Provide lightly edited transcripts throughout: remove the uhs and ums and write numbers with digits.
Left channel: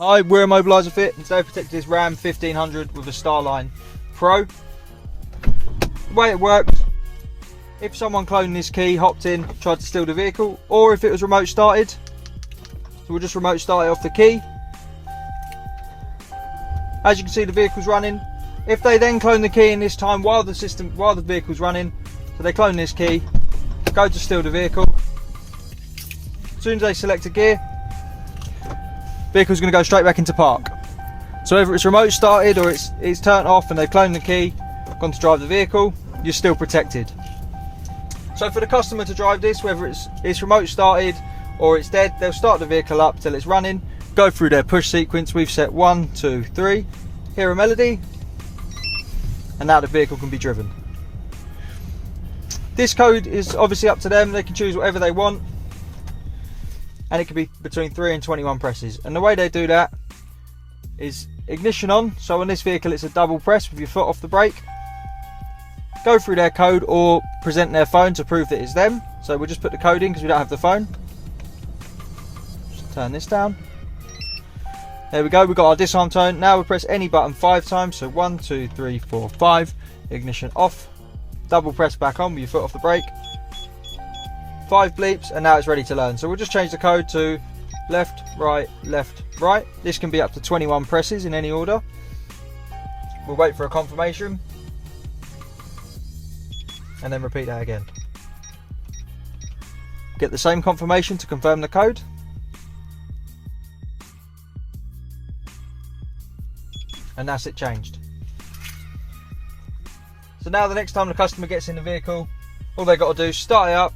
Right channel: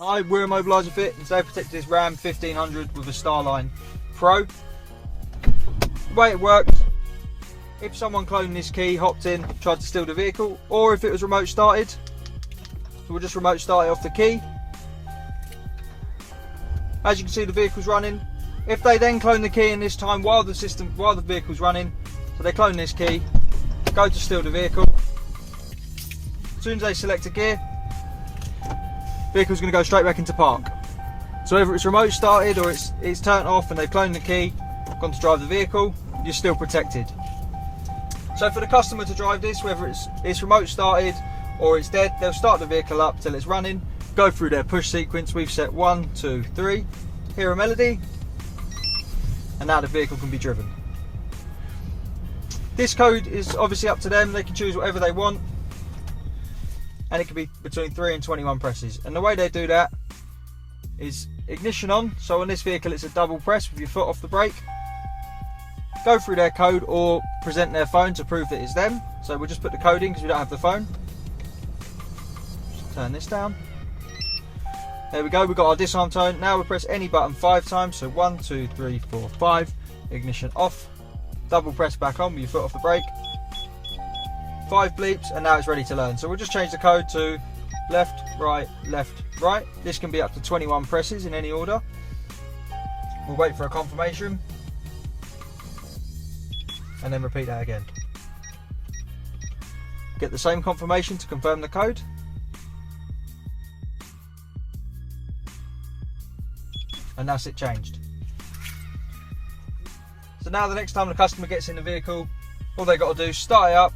Hi, we're Immobiliser Fit, and today I protected this Ram 1500 with a Starline Pro. The way it works, if someone cloned this key, hopped in, tried to steal the vehicle, or if it was remote started, so we'll just remote start it off the key. As you can see, the vehicle's running. If they then clone the key in this time while the vehicle's running, so they clone this key, go to steal the vehicle. As soon as they select a gear, vehicle's going to go straight back into park. So whether it's remote started or it's turned off and they've cloned the key, gone to drive the vehicle, you're still protected. So for the customer to drive this, whether it's remote started or it's dead, they'll start the vehicle up till it's running, go through their push sequence. We've set 1, 2, 3, hear a melody, and now the vehicle can be driven. This code is obviously up to them, they can choose whatever they want, and it can be between 3 and 21 presses. And the way they do that is ignition on, so on this vehicle it's a double press with your foot off the brake. Go through their code or present their phone to prove that it's them. So we'll just put the code in because we don't have the phone. Just turn this down. There we go, we've got our disarm tone. Now we press any button 5 times, so 1, 2, 3, 4, 5. Ignition off, double press back on with your foot off the brake. 5 bleeps, and now it's ready to learn. So we'll just change the code to left, right, left, right. This can be up to 21 presses in any order. We'll wait for a confirmation and then repeat that again. Get the same confirmation to confirm the code. And that's it changed. So now the next time the customer gets in the vehicle, all they got to do is start it up.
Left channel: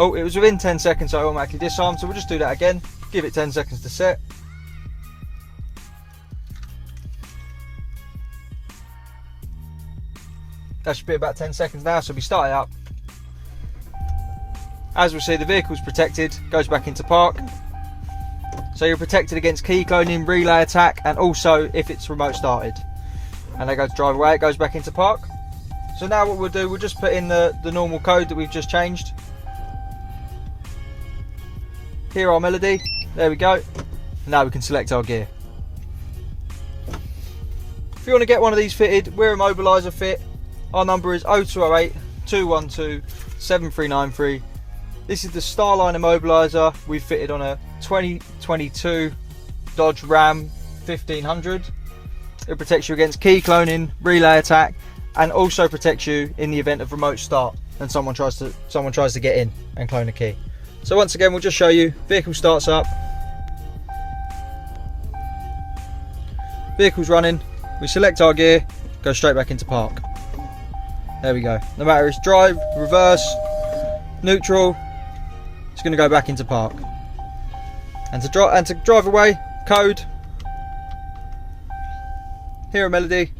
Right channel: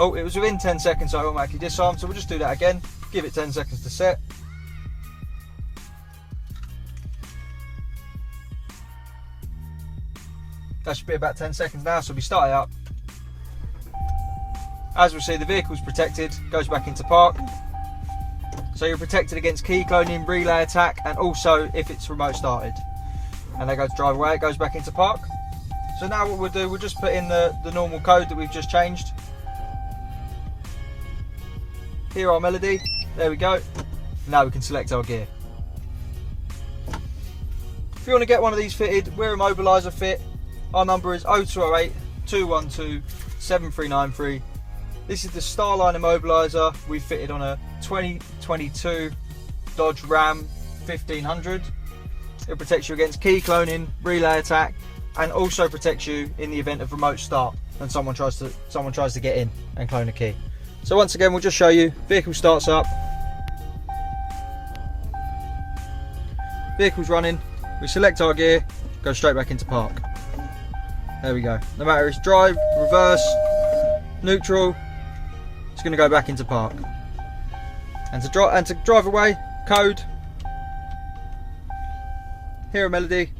Oh, it was within 10 seconds, so it automatically disarmed, so we'll just do that again. Give it 10 seconds to set. That should be about 10 seconds now, so we start it up. As we'll see, the vehicle's protected, goes back into park. So you're protected against key cloning, relay attack, and also if it's remote started. And they go to drive away, it goes back into park. So now what we'll do, we'll just put in the normal code that we've just changed. Hear our melody, there we go. Now we can select our gear. If you want to get one of these fitted, we're Immobiliser Fit. Our number is 0208 212 7393. This is the Starline Immobiliser we've fitted on a 2022 Dodge Ram 1500. It protects you against key cloning, relay attack, and also protects you in the event of remote start and someone tries to get in and clone a key. So once again, we'll just show you. Vehicle starts up, vehicle's running, we select our gear, go straight back into park. There we go. No matter if it's drive, reverse, neutral, it's going to go back into park. And to drive away, code, hear a melody,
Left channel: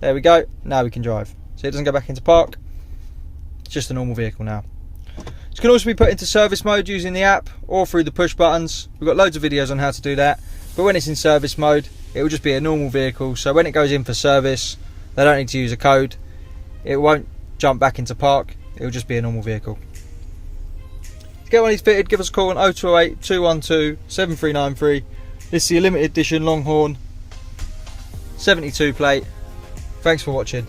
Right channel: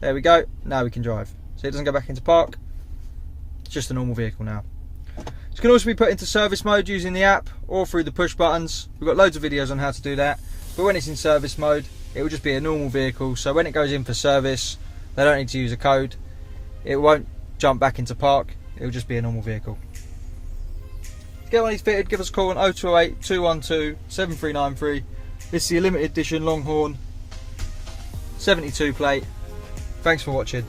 there we go, now we can drive. So it doesn't go back into park, it's just a normal vehicle now. It can also be put into service mode using the app or through the push buttons. We've got loads of videos on how to do that. But when it's in service mode, it will just be a normal vehicle. So when it goes in for service, they don't need to use a code. It won't jump back into park. It will just be a normal vehicle. To get one of these fitted, give us a call on 0208 212 7393. This is the limited edition LongHorn 72 plate. Thanks for watching.